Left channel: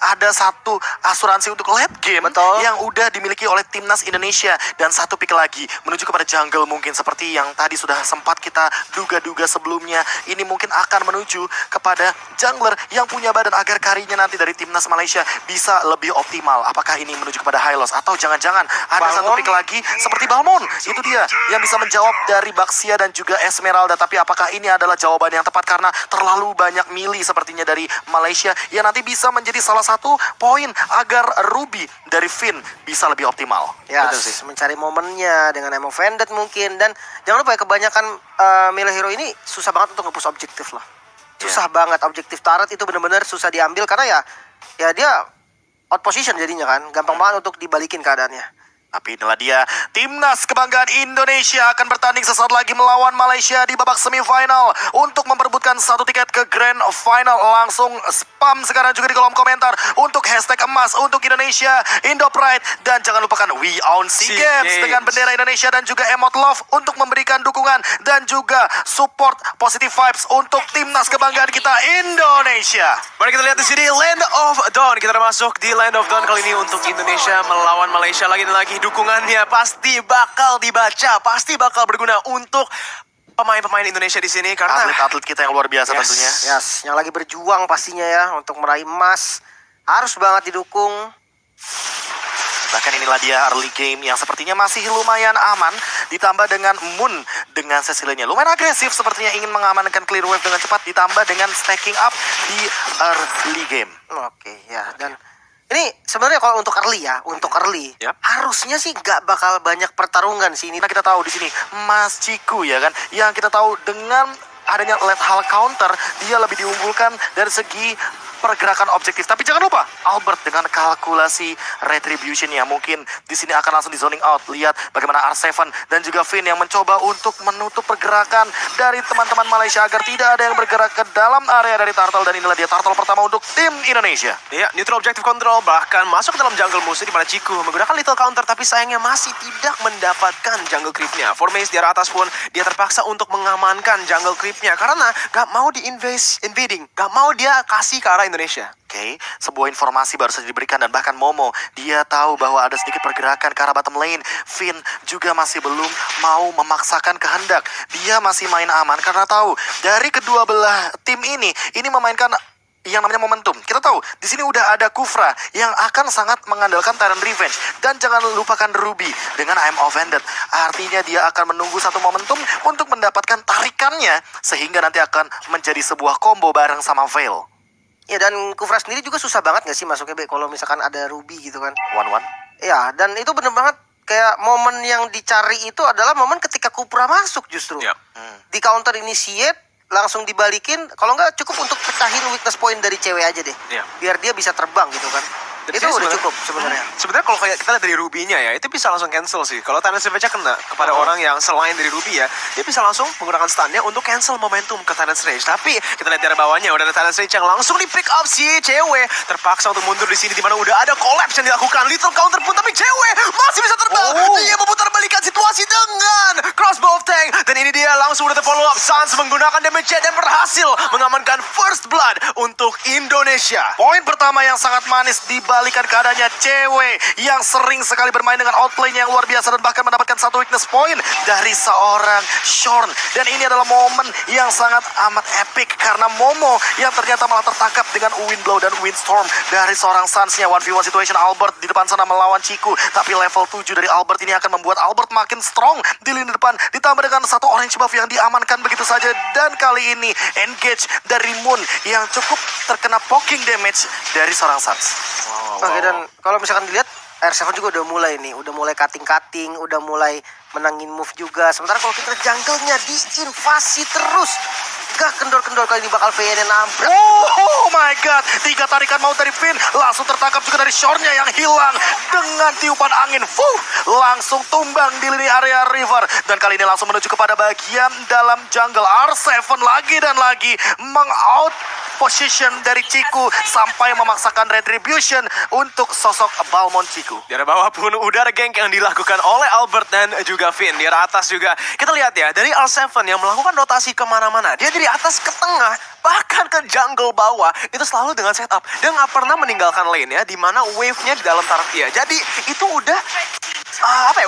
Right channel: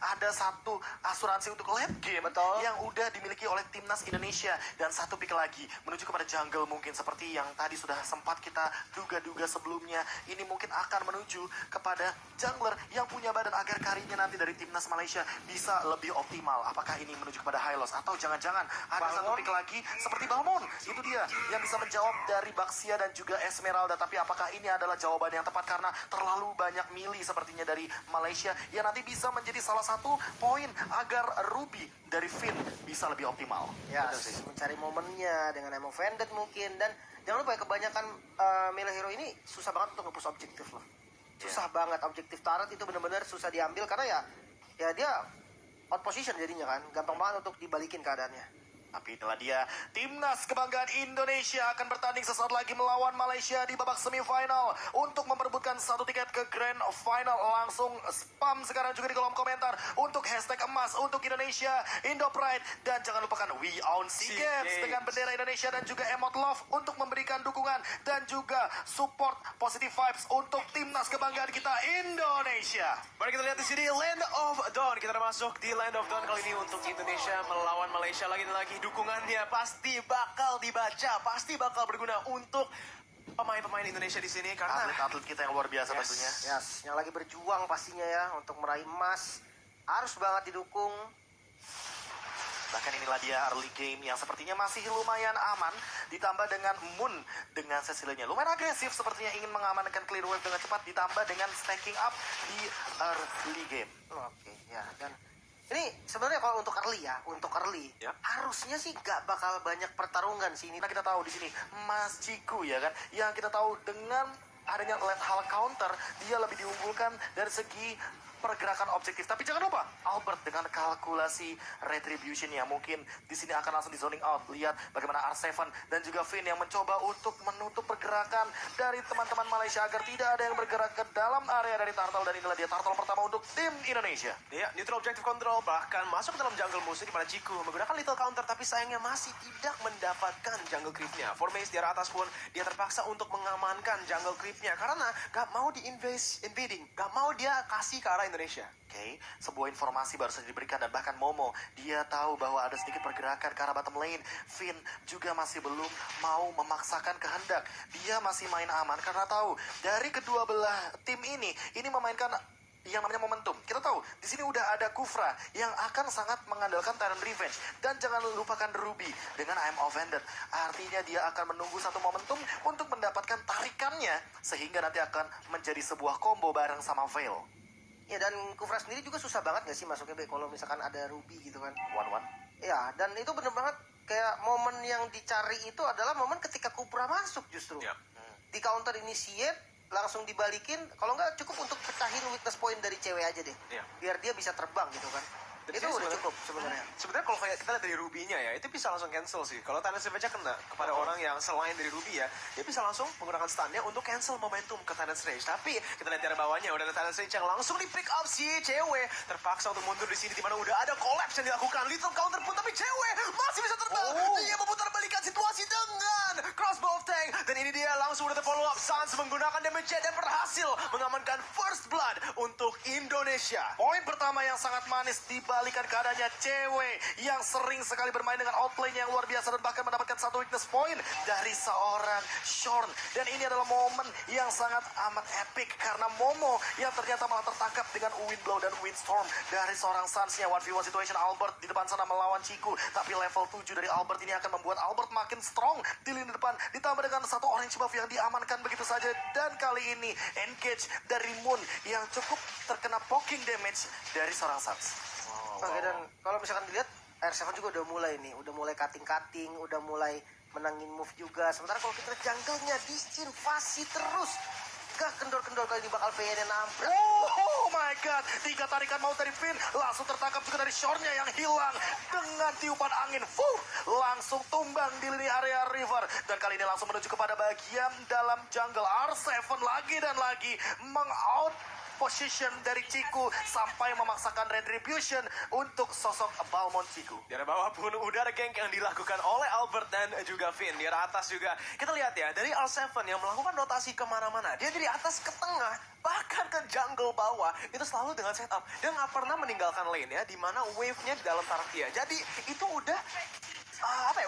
ada satu asuransi untuk late game. Betul. Yang udah dimiliki oleh timnas Indonesia. Dan satu pick lagi menuju kepada jungle mungkin seperti yang tadi sudah sempat kita duga-duga sebelumnya. Ini mungkin akan menuju kepada jungler yang punya badan agar karinya nanti dari timnas Malaysia bisa lebih optimal. Apakah ini menuju kepada Hylos atau jangan-jangan ada satu pick lagi seperti Balmond? Itu dia yang bisa menjawab dari Baxia dan juga Esmeralda. Tapi apakah ini adalah jawaban yang tepat karena terlalu banyak milih sepertinya dari Malaysia yang nanti bisa menjadi salah satu poin agar Ruby dari Finn bisa lebih optimal. Ya, Betul sih. mencari momennya dengan Emo Vended mungkin. Dan jangan lupa ya, kebanyakan milih hero ini susah banget untuk nge-push objektif loh. Susah banget, objektif turret itu bener-bener susah diambil karena ya dia out position jadinya kan. Gampang banget untuk dibalikin keadaannya. Tapi inilah dia, timnas kebanggaan Indonesia akan bertanding sesaat lagi melawan Malaysia di babak semifinal untuk memperebutkan satu tiket ke Grand Final. Langsung spam sekarang juga di kolom komentar untuk hashtag emas untuk Indonesia, Indo Pride, dan jangan lupakan We Own SEA Games dengan bendera Indonesia dan juga emot love untuk memberikan dukungan dan juga support positive vibes untuk timnas kebanggaan kita Indonesia. Mari kita lihat di sini Land of Dawn. Kita udah masuk di Land of Dawn kali ini untuk Indonesia melawan Malaysia lagi dan lagi. Dukungannya pasti bakal dibaca, pasti bakal berguna untuk pemain-pemain Indonesia di sini karena atlet-atlet kita yang luar biasa tentunya. Yes, yang lagi berjuang pastinya ya untuk meraih emas. Harus banget didukung. Bahkan inilah dia early game yang sepertinya masih lumayan aman. Ditambah dengan Moon dengan Cecilia lumayan agresif. Sepertinya ingin mengamankan clear wave dengan cepat. Ditambah dengan stacking up di early game. Oke, ya. Dan ini sebenarnya kalau untuk early ya, Yap. harusnya sih gak bakal banyak pertarungan sih ini. Nah, kita tahu di sini Mas Ciku ya kan, yang kita tahu dengan adanya late hal counter dia lebih diunggulkan dari segi pergerakan objektif. Tapi jangan lupa Albert dengan kalkulasi retribution yang mungkin di sini akan langsung di zoning out. Lihat bagaimana R7 dan juga Finn yang mencoba untuk menutup pergerakan dari teman-teman Malaysia agar tidak ada yang bergerak ke dalam area dari Turtle. Dan inilah dia Turtle pertama untuk tim Indonesia. ya, neutral objective control bahkan masuk ke dalam jungle musuh di mana Ciku menggunakan little counter tapi sayangnya masih tidak mendapatkan jungle creepnya. Formace di arah atas pun dia terpaksa untuk mengamankan jungle creepnya karena gak mau invading, gak mau dia kasih ke arah Indonesia. Oke, sebuah informasi baru saja diberikan dan bahkan Momo dia tahu bahwa ada sedikit pergerakan ke arah bottom lane. Finn juga masih belum mau memaksakan kehendak. Dia masih main aman karena tahu dari kedua belah tim ini memainkan yang namanya momentum. Kita tahu di sini udah ada Kufra yang akan sangat mengandalkan Tyrant Revenge dan jangan lupakan Ruby dengan I'm Offended. Artinya dia akan menunggu satu momentum untuk mendapatkan tarikannya sehingga nanti akan menjadi sebuah combo bareng sama Veil. Ya, dan Kufra sendiri juga susah banget gak sih masuknya Be kalau misalkan ada Ruby gitu kan. 1-1. Ya, dan itu bener banget kayak momen yang dicari itu adalah momen ketika Kufra masuk justru. Ya. Di counter initiate langsung dibalikin, kalau nggak cukup untuk pecahin weakness point dari cewek aja deh. Iya. Biar dia bisa terbang gitu kan. Dan Itu di sini udah sebenarnya- cukup sebenarnya. Sebenarnya kalau kayak kita lihat dari Ruby-nya ya, itu bisa langsung cancel sih. Kalau Tyrant Rage kena kepada orang yang selain dari Ruby ya, dia bisa langsung menggunakan stun-nya untuk cancel momentum ke Tyrant Rage. Tapi kita lihat di arah bawahnya udah ada Tyrant Rage yang langsung di pick up si cewek. Terpaksa untuk mundur di sini di mana udah ada collapse yang dilakukan. Little counter pun tapi cewek masih bisa terbang. Dia memutar balikan situasi dengan crossbow of tank. Dan ini dia langsung udah terfollow up. Sans menggunakan damage jet dan berhasil mengamankan first blood untuk Indonesia. Poin pertama yang sangat manis dibalikan keadaannya cewek yang sering sekali bermain dengan outplay yang luar biasa dan bahkan mendapatkan satu weakness point dari seorang Shorn. Dan ini adalah momen yang sangat amat epic karena Momo yang ternyata malah tertangkap dengan Windblow dan Windstorm dari seorang Suns-nya. 1v1 situation Albert di depan sana melawan Ciku, tapi level 7 dari Albert ini akan membuat Albert makin strong di lini depan, ditambah dengan satu orange buff yang diamankan begitu saja. Dan kali ini engage dari Moon yang cukup terkena poking damage dari seorang Suns. Oke, dan kalau misalkan dilihat R7 juga udah mulai nih, udah mulai cutting, udah mulai menangin move juga. Sementara kalau kita jungle-nya diinvasi terus, gak kendor-kendor kali ini bakal VN nabrak. Oh my god, 3 tarikan mau dari Finn, langsung tertangkap juga dari Shorn-nya yang hilang dengan tiupan angin. Langsung tumbang di lini area river. Dan kali ini langsung menuju kepada bagian dalam jungle. R7 lagi dan lagi meng-out position dari Ciku sampai memaksakan retribution untuk sosok Balmond Ciku. Di arah bawah pun udah ada gank yang dilakukan oleh Albert dan juga Finn. Di arah atas juga kita lihat ya, dari R7 yang melakukan rotasi kemana-mana. Dia dari atas ke tengah, bahkan ke jungle bawah. Itu selalu dengan setup. Dia nggak pernah meninggalkan lane ya, dimana wave-nya di dalam turret dia. Jadi itu udah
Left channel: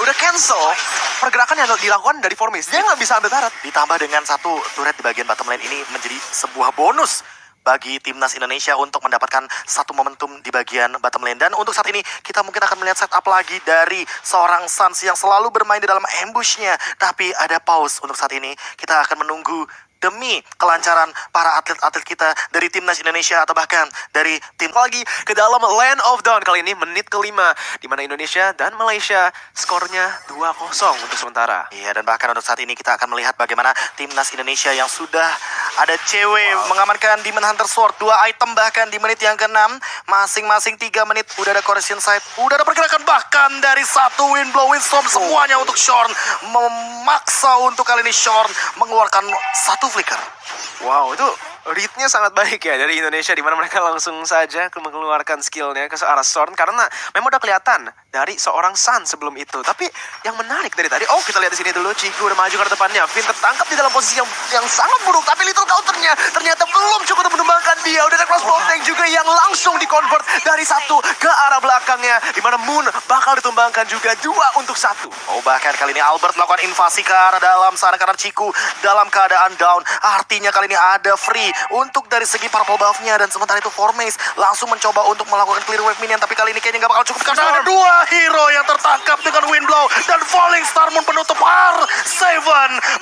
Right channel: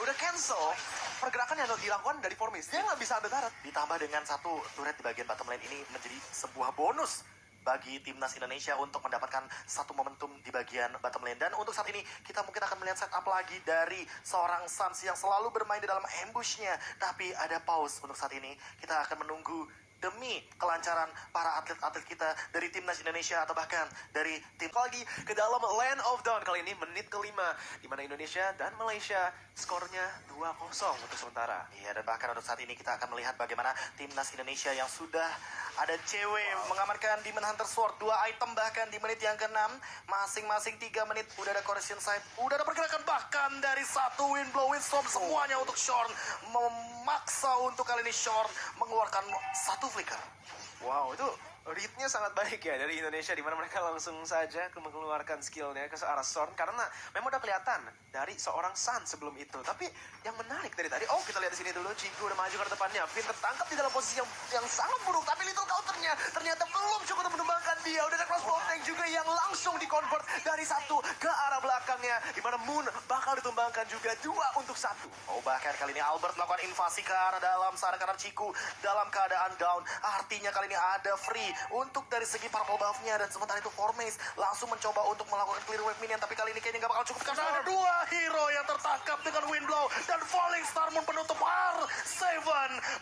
udah cancel pergerakan yang dilakukan dari Formis. Dia nggak bisa ambil turret. Ditambah dengan satu turret di bagian bottom lane ini menjadi sebuah bonus bagi timnas Indonesia untuk mendapatkan satu momentum di bagian bottom lane. Dan untuk saat ini kita mungkin akan melihat setup lagi dari seorang Suns yang selalu bermain di dalam ambushnya. Tapi ada pause untuk saat ini. Kita akan menunggu demi kelancaran para atlet-atlet kita dari timnas Indonesia atau bahkan dari tim Lagi ke dalam Land of Dawn kali ini menit kelima, di mana Indonesia dan Malaysia skornya 2-0 untuk sementara. Iya, dan bahkan untuk saat ini kita akan melihat bagaimana timnas Indonesia yang sudah ada cewek mengamankan Demon Hunter Sword 2 item bahkan di menit yang ke-6, masing-masing 3 menit udah ada correction side, udah ada pergerakan bahkan dari satu Windblow Windstorm semuanya untuk Shorn, memaksa untuk kali ini Shorn mengeluarkan satu flicker. Wow, itu readnya sangat baik ya dari Indonesia, di mana mereka langsung saja mengeluarkan skillnya ke arah Storm karena memang udah kelihatan dari seorang Sun sebelum itu. Tapi yang menarik dari tadi, kita lihat di sini dulu, Ciku udah maju ke arah depannya. Finn tertangkap di dalam posisi yang sangat buruk, tapi little counternya ternyata belum cukup untuk menumbangkan dia. Udah ada crossbow tank juga yang langsung di-convert dari satu ke arah belakangnya, di mana Moon bakal ditumbangkan juga 2-1. Bahkan kali ini Albert melakukan invasi ke arah dalam sana karena Ciku dalam keadaan down. Artinya kali ini ada free untuk dari segi purple buff-nya, dan sementara itu Formace langsung mencoba untuk melakukan clear wave minion, tapi kali ini kayaknya nggak bakal cukup karena ada 2 hero yang tertangkap dengan Windblow dan Falling Star Moon penutup. R7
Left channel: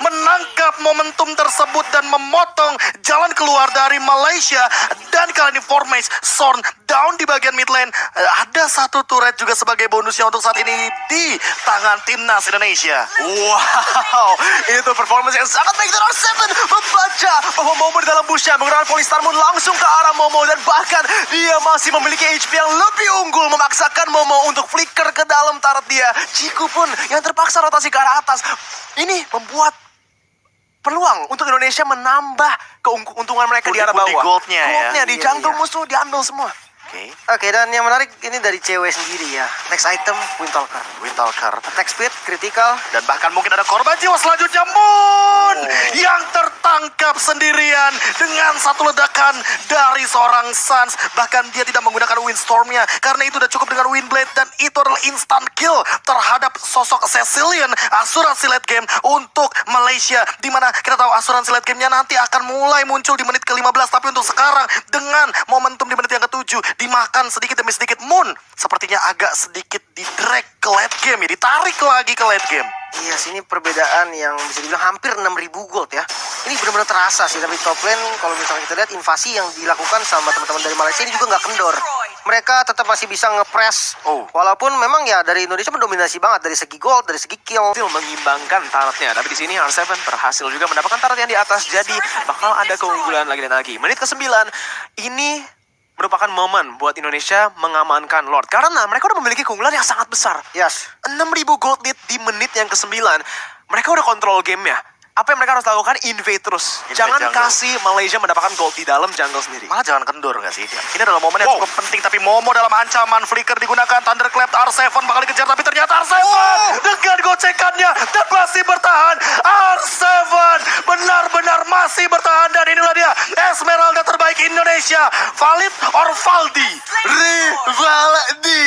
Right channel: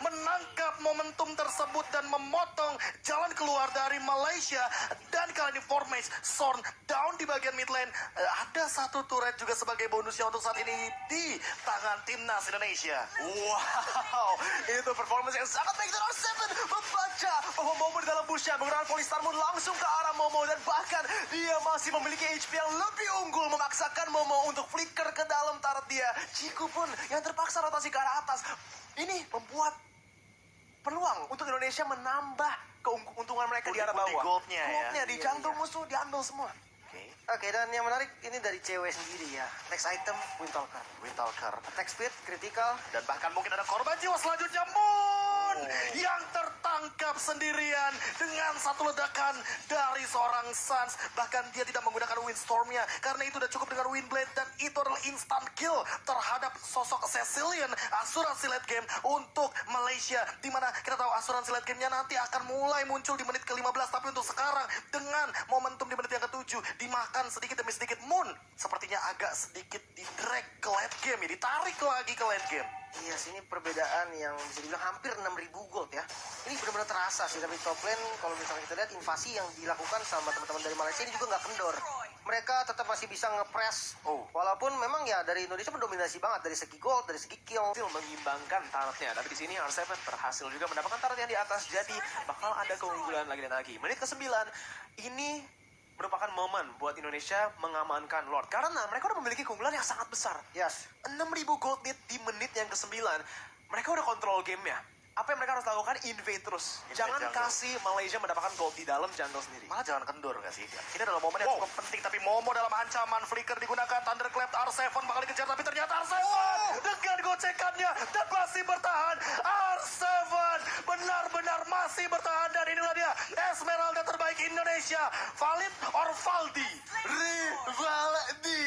menangkap momentum tersebut dan memotong jalan keluar dari Malaysia, dan kali ini Formace Sorn down di bagian mid lane. Ada satu turret juga sebagai bonusnya untuk saat ini di tangan timnas Indonesia. Wow, itu performance yang sangat baik dari R7, membaca bahwa Momo di dalam bushnya menggunakan Polystar Moon langsung ke arah Momo, dan bahkan dia masih memiliki HP yang lebih unggul, memaksakan Momo untuk flicker ke dalam turret dia. Ciku pun yang terpaksa rotasi ke arah atas. Ini membuat peluang untuk Indonesia menambah keuntungan mereka di arah Putih-putih bawah. goldnya ya. Goldnya di Iya, jungle iya. musuh diambil semua. Oke, dan yang menarik ini dari cewek sendiri ya. Next item, Windtalker. Windtalker. Attack speed, critical. Dan bahkan mungkin ada korban jiwa selanjutnya, Moon yang tertangkap sendirian dengan satu ledakan dari seorang Suns. Bahkan dia tidak menggunakan Windstorm-nya karena itu udah cukup dengan Windblade, dan itu adalah instant kill terhadap sosok Cecilion, asuransi late game untuk Malaysia. Dimana kita tahu asuransi late game-nya nanti akan mulai muncul di menit ke-15, tapi untuk sekarang dengan momentum di menit yang ke-7 dimakan sedikit demi sedikit, Moon sepertinya agak sedikit di-drag ke late game ya, ditarik lagi ke late game. Iya sih, ini perbedaan yang bisa dibilang hampir 6.000 gold ya. Ini benar-benar terasa sih, tapi top lane kalau misalnya kita lihat invasi yang dilakukan sama teman-teman dari Malaysia ini juga nggak kendor. Mereka tetap masih bisa nge-press. Walaupun memang ya dari Indonesia mendominasi banget dari segi gold, dari segi kill. Berhasil mengimbangkan turretnya, tapi di sini R7 berhasil juga mendapatkan turret yang di atas, jadi bakal ada keunggulan lagi dan lagi. Menit ke-9 ini merupakan momen buat Indonesia mengamankan Lord, karena mereka udah memiliki keunggulan yang sangat besar. Yes. 6.000 gold lead di menit yang ke-9. Mereka udah kontrol gamenya. Apa yang mereka harus lakukan? Invade terus. Invade Jangan jungle. kasih Malaysia mendapatkan gold di dalam jungle sendiri. Malah jangan kendor nggak sih? Ini adalah momen yang cukup penting, tapi Momo dalam ancaman, flicker digunakan, Thunderclap, R7 bakal dikejar, tapi ternyata R7 dengan gocekannya dan masih bertahan. R7 benar-benar masih bertahan, dan inilah dia Esmeralda terbaik Indonesia, Valid or Valdi. Rival di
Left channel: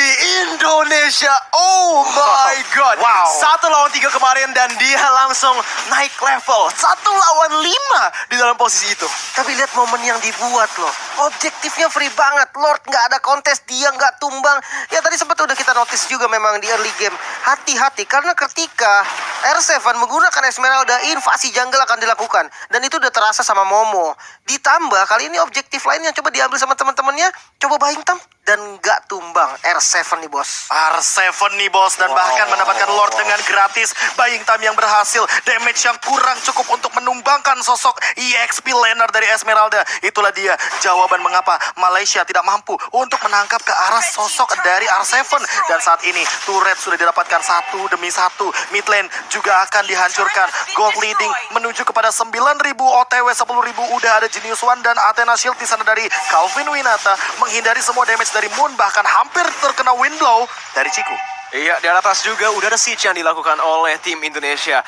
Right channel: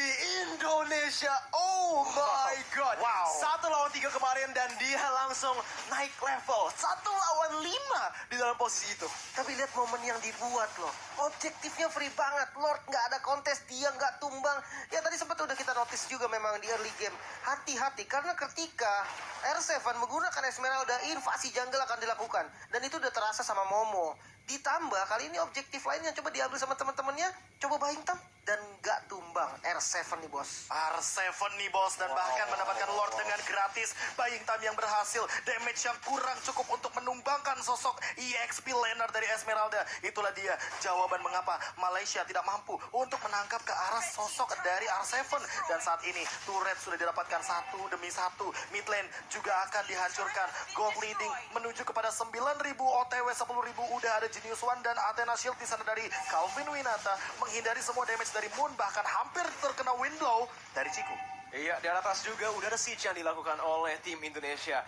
Indonesia. Oh my god. Wow. 1 lawan 3 kemarin, dan dia langsung naik level 1 lawan 5 di dalam posisi itu. Tapi lihat momen yang dibuat loh. Objektifnya free banget. Lord nggak ada kontes, dia nggak tumbang. Ya tadi sempat udah kita notice juga memang di early game. Hati-hati karena ketika R7 menggunakan Esmeralda, invasi jungle akan dilakukan. Dan itu udah terasa sama Momo. Ditambah kali ini objektif lain yang coba diambil sama teman-temannya. Coba buying time. dan nggak tumbang. R7 nih bos. R7 nih bos, dan bahkan mendapatkan Lord dengan gratis. Buying time yang berhasil, damage yang kurang cukup untuk menumbangkan sosok EXP laner dari Esmeralda. Itulah dia jawaban mengapa Malaysia tidak mampu untuk menangkap ke arah sosok dari R7. Dan saat ini turret sudah didapatkan satu demi satu. Mid lane juga akan dihancurkan. Gold leading menuju kepada 9.000 OTW, 10.000 udah ada Genius One dan Athena Shield di sana dari Calvin Winata, menghindari semua damage dari Moon, bahkan hampir terkena wind blow dari Ciku. Iya, di atas juga udah ada siege yang dilakukan oleh tim Indonesia.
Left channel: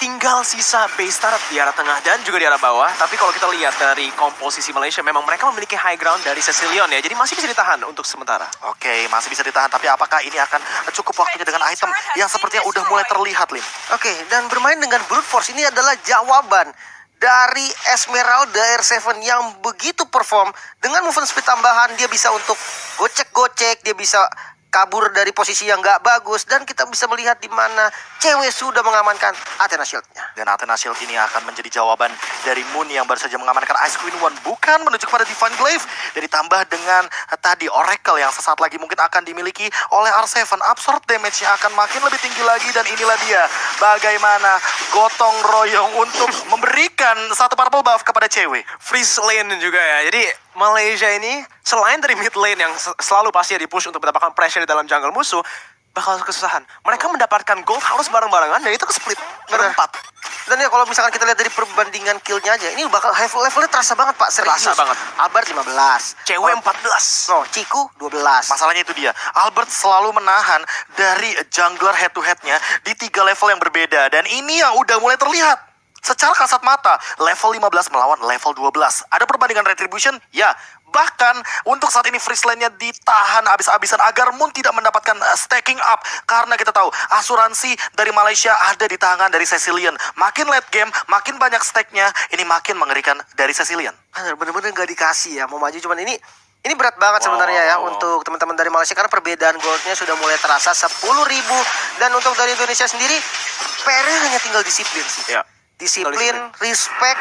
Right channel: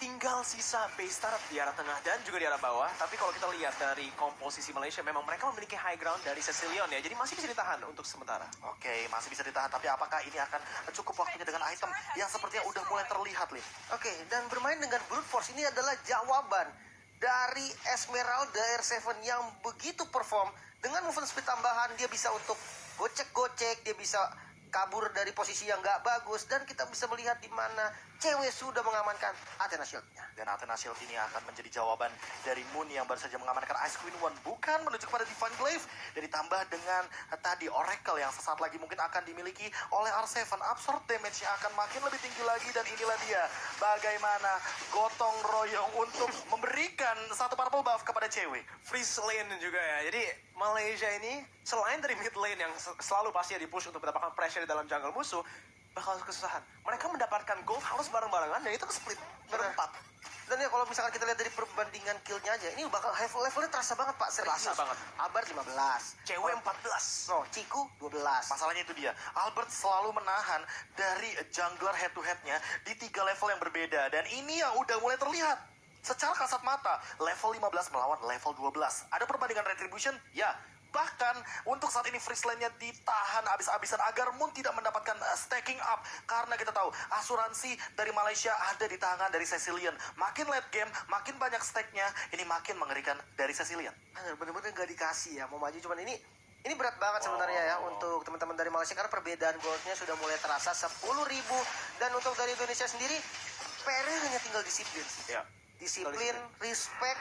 Tinggal sisa base turret di arah tengah dan juga di arah bawah. Tapi kalau kita lihat dari komposisi Malaysia, memang mereka memiliki high ground dari Cecilion ya. Jadi masih bisa ditahan untuk sementara. Oke, masih bisa ditahan, tapi apakah ini akan cukup waktunya dengan item yang sepertinya udah mulai terlihat, Lim? Oke, dan bermain dengan brute force ini adalah jawaban dari Esmeralda R7 yang begitu perform. Dengan movement speed tambahan, dia bisa untuk gocek-gocek, dia bisa kabur dari posisi yang nggak bagus, dan kita bisa melihat di mana cewek sudah mengamankan Athena Shield-nya. Dan Athena Shield ini akan menjadi jawaban dari Moon yang baru saja mengamankan Ice Queen One, bukan menuju kepada Divine Glaive. Dan ditambah dengan tadi Oracle yang sesaat lagi mungkin akan dimiliki oleh R7. Absorb damage-nya akan makin lebih tinggi lagi, dan inilah dia bagaimana gotong royong untuk memberikan satu purple buff kepada cewek. Freeze lane juga ya. Jadi Malaysia ini selain dari mid lane yang selalu pasti di-push untuk mendapatkan pressure di dalam jungle musuh, bakal kesusahan. Mereka mendapatkan gold harus bareng-barengan, dan itu ke-split berempat. Dan ya kalau misalkan kita lihat dari perbandingan kill-nya aja, ini bakal levelnya terasa banget Pak, serius. Terasa banget. Albert 15. Cewek 14. No, Ciku 12. Masalahnya itu dia, Albert selalu menahan dari jungler head to headnya di 3 level yang berbeda. Dan ini yang udah mulai terlihat secara kasat mata, level 15 melawan level 12. Ada perbandingan retribution? Ya. Bahkan untuk saat ini freeze lane-nya ditahan habis-habisan agar Moon tidak mendapatkan stacking up. Karena kita tahu asuransi dari Malaysia ada di tangan dari Cecilion. Makin late game, makin banyak stack-nya, ini makin mengerikan dari Cecilion. Bener-bener gak dikasih ya, mau maju cuman ini berat banget sebenarnya ya untuk teman-teman dari Malaysia, karena perbedaan goldnya sudah mulai terasa 10.000. Dan untuk dari Indonesia sendiri, PR-nya hanya tinggal disiplin sih. Ya. Disiplin, respect,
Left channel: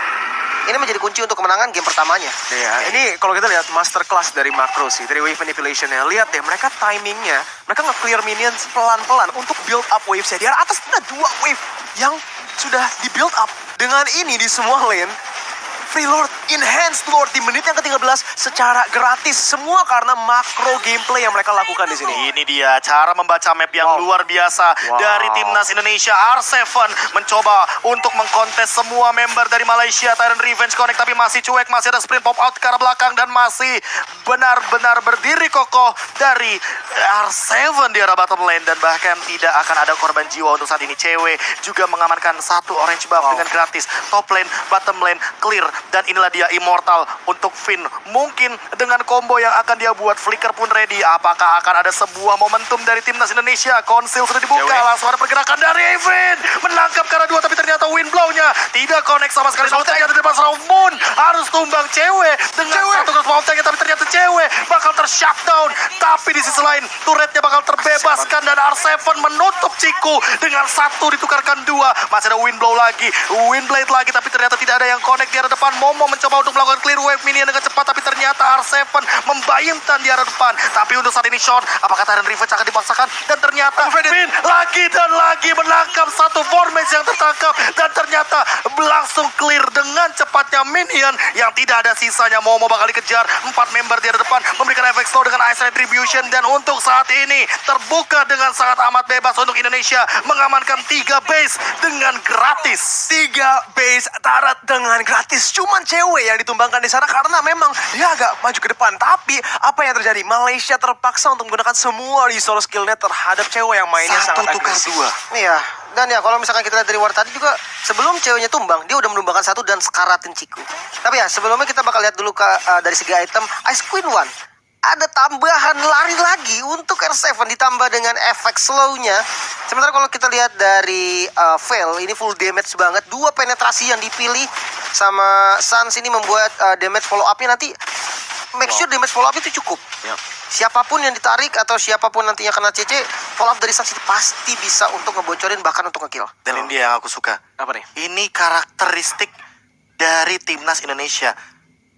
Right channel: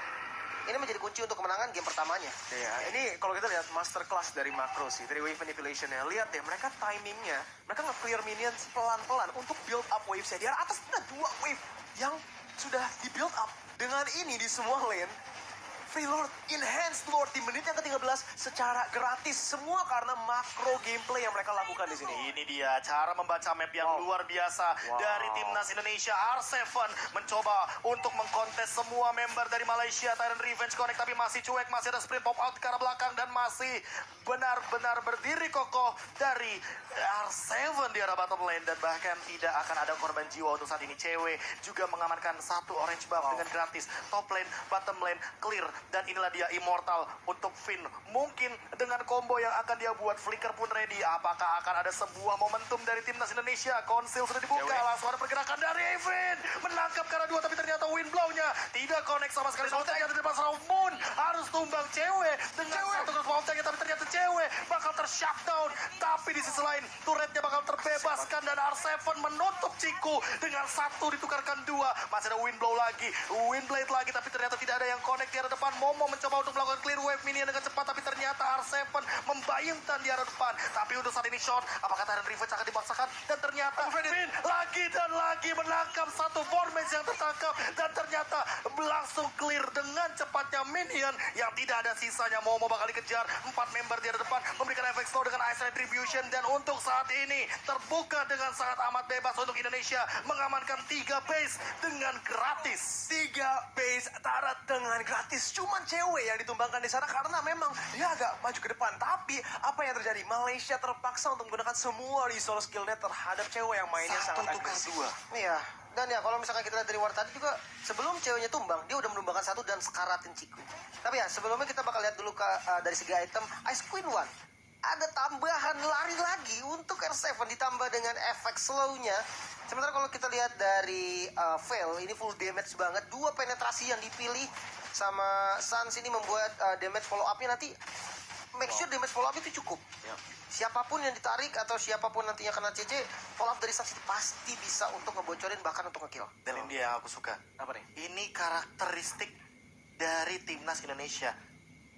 ini menjadi kunci untuk kemenangan game pertamanya. Iya, ini kalau kita lihat masterclass dari Makro sih, dari wave manipulation-nya. Lihat deh, mereka timingnya, mereka nge-clear minions pelan-pelan untuk build up wave-nya. Di atas ada 2 wave yang sudah di-build up. Dengan ini di semua lane, Free Lord, Enhanced Lord di menit yang ke-13 secara gratis. Semua karena makro gameplay yang mereka lakukan di sini. Ini dia cara membaca map yang luar biasa dari timnas Indonesia. R7 mencoba untuk mengkontes semua member dari Malaysia. Tyrant Revenge Connect tapi masih cuek, masih ada sprint pop out ke arah belakang, dan masih benar-benar berdiri kokoh dari R7 di arah bottom lane. Dan bahkan tidak akan ada korban jiwa untuk saat ini. Cewek juga mengamankan satu orange buff dengan gratis. Top lane, bottom lane clear. Dan inilah dia Immortal untuk Finn. Mungkin dengan combo yang akan dia buat, Flicker pun ready. Apakah akan ada sebuah momentum dari timnas Indonesia? Konsil sudah dibuka, langsung ada pergerakan dari Evan. Menangkap ke arah 2, tapi ternyata wind blow-nya tidak connect sama sekali. Tapi ternyata di depan serang Moon harus tumbang cewek dengan satu cross mountain, tapi ternyata cewek bakal ter-shutdown. Tapi di sisi lain, turretnya bakal terbebaskan, dan R7 menutup Ciku dengan 1 ditukarkan 2. Masih ada wind blow lagi, wind blade lagi, tapi ternyata tidak ada yang connect di arah depan. Momo mencoba untuk melakukan clear wave minion dengan cepat, tapi ternyata R7 membayangkan di arah depan. Tapi untuk saat ini Sean, apakah Tyrant Revenge akan dipaksakan? Dan ternyata Finn lagi dan lagi menangkap satu formation yang tertangkap, dan ternyata langsung clear dengan cepatnya minion yang tidak ada sisanya. Momo bakal dikejar 4 member di arah depan, memberikan efek slow dengan Ice Retribution, dan untuk saat ini terbuka dengan sangat amat bebas untuk Indonesia mengamankan 3 base dengan gratis. 3 base turret dengan gratis. Cuman cewek yang ditumbangkan di sana karena memang dia agak maju ke depan. Tapi apa yang terjadi? Malaysia terpaksa untuk menggunakan semua resource skillnya terhadap cewek yang mainnya sangat agresif. 1 tukar 2. Iya, dan ya kalau misalkan kita lihat dari war tadi juga, sebelum ceweknya tumbang, dia udah menumbangkan 1 dan sekaratin Ciku. Tapi ya sebelumnya kita bakal lihat dulu dari segi item Ice Queen One. Ada tambahan lari lagi untuk R7 ditambah dengan efek slow-nya. Sementara kalau kita lihat dari Veil, ini full damage banget. 2 penetrasi yang dipilih sama Sans ini membuat damage follow up-nya nanti make sure damage follow up itu cukup. Siapapun yang ditarik atau siapapun nantinya kena CC, follow up dari Sans itu pasti bisa untuk ngebocorin, bahkan untuk ngekill. Dan ini dia yang aku suka. Apa nih? Ini karakteristik dari timnas Indonesia.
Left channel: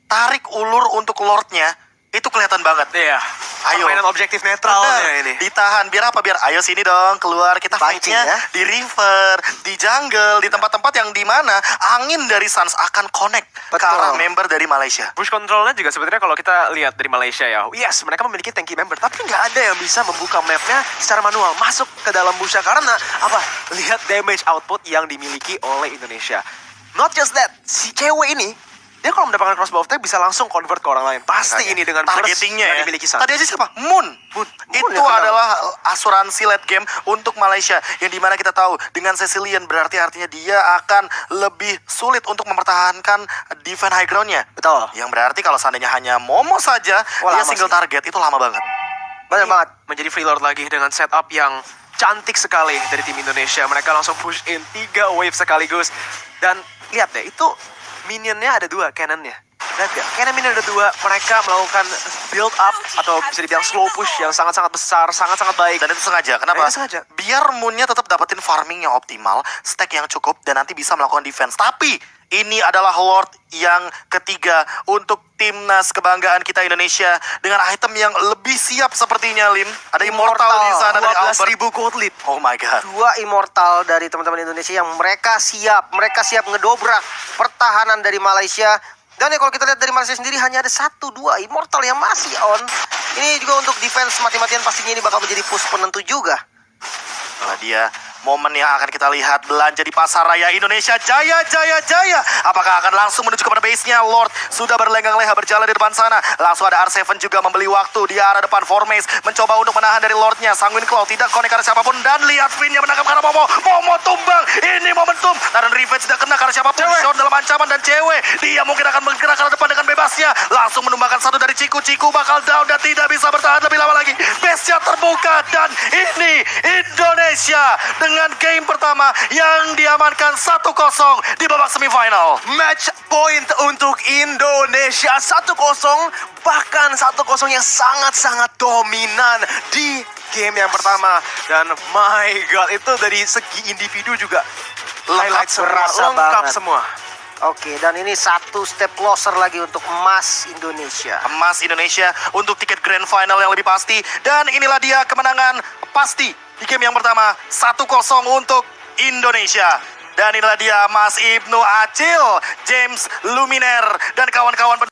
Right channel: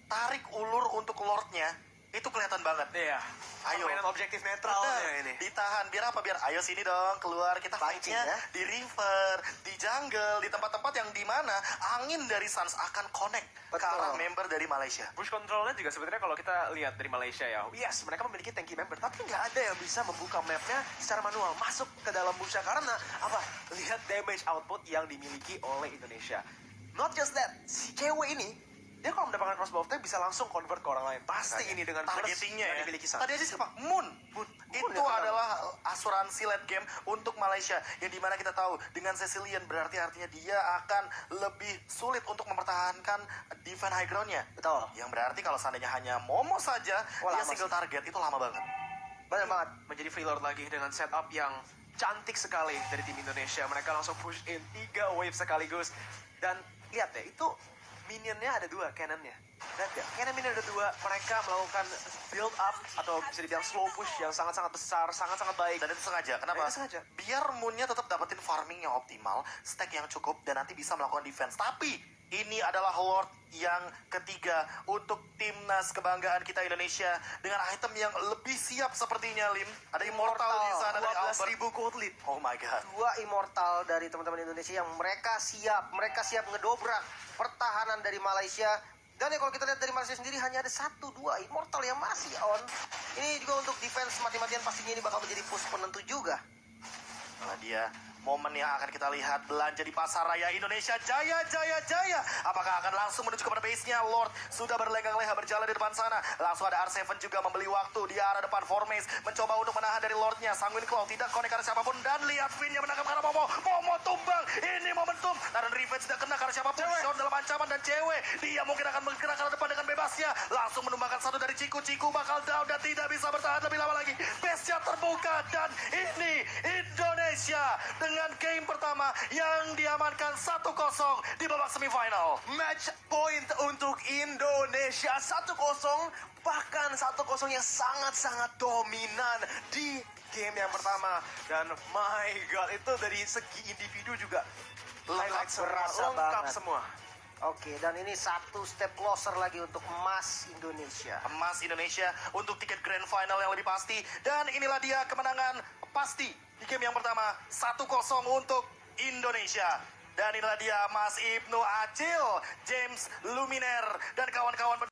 Tarik ulur untuk Lordnya itu kelihatan banget. Iya. Ayo. Permainan objektif netralnya Bener, ini. ditahan. Biar apa? Biar ayo sini dong keluar. Kita Pancing, fight-nya ya. di river, di jungle, di tempat-tempat yang dimana angin dari Suns akan connect ke Betul. arah member dari Malaysia. Push controlnya juga sebenarnya kalau kita lihat dari Malaysia ya, yes mereka memiliki tanky member, tapi nggak ada yang bisa membuka mapnya secara manual masuk ke dalam busnya karena apa? Lihat damage output yang dimiliki oleh Indonesia. Not just that, si cewek ini dia kalau mendapatkan crossbow attack bisa langsung convert ke orang lain. Pasti Makanya, ini dengan burst targetingnya yang ya. dimiliki Suns. Tadi aja siapa? Moon. Itu yang kenal. adalah asuransi late game untuk Malaysia yang dimana kita tahu dengan Cecilian berarti artinya dia akan lebih sulit untuk mempertahankan defense high groundnya. Betul. Yang berarti kalau seandainya hanya Momo saja Wah, dia lama single sih. target itu lama banget. Benar banget. Menjadi freelord lagi dengan setup yang cantik sekali dari tim Indonesia. Mereka langsung push in 3 wave sekaligus. Dan lihat deh, itu minionnya ada 2, cannonnya. Lihat gak? Cannon minion ada 2, mereka melakukan build up atau bisa dibilang slow push yang sangat-sangat besar, sangat-sangat baik. Dan itu sengaja. Kenapa? Itu sengaja. Biar Moonnya tetap dapetin farming yang optimal, stack yang cukup, dan nanti bisa melakukan defense. Tapi ini adalah Lord yang ketiga untuk timnas kebanggaan kita Indonesia dengan item yang lebih siap sepertinya, Lim. Ada Immortal di sana dari Albert. 12.000 gold lead. Oh my god. 2 immortal dari teman-teman Indonesia yang mereka siap ngedobrak pertahanan dari Malaysia. Dan ya kalau kita lihat dari Malaysia sendiri hanya ada 1-2 immortal yang masih on. Ini juga untuk defense mati-matian pastinya ini bakal menjadi push penentu juga. Nah, dia momen yang akan kita lihat belanja di pasar raya Indonesia. Jaya, jaya, jaya. Apakah akan langsung menuju kepada base-nya? Lord sudah berlenggang-leha berjalan di depan sana. Langsung ada R7 juga membeli waktu di arah depan. Formace mencoba untuk menahan dari Lordnya. Sanguine Claw tidak connect karena siapapun. Dan lihat Finnya menangkap karena Momo. Momo tumbang. Ini momentum. Dan Revenge tidak kena karena siapapun. Sean dalam ancaman dan cewek. Dia mungkin akan bergerak ke arah depan dengan bebasnya. Langsung menumbangkan satu dari Ciku. Ciku bakal down dan tidak bisa bertahan lebih lama lagi. Base-nya terbuka. Dan ini Indonesia dengan game pertama yang diamankan 1-0 di babak semifinal. Match point untuk Indonesia 1-0, bahkan 1-0 yang sangat-sangat dominan di game yang pertama. Dan my god, itu dari segi individu juga highlight semua, berasa lengkap banget. semua. Oke, dan ini 1 step closer lagi untuk emas Indonesia. Emas Indonesia untuk tiket grand final yang lebih pasti. Dan inilah dia kemenangan pasti di game yang pertama 1-0 untuk Indonesia. Dan inilah dia Mas Ibnu Acil, James Luminer, dan kawan-kawan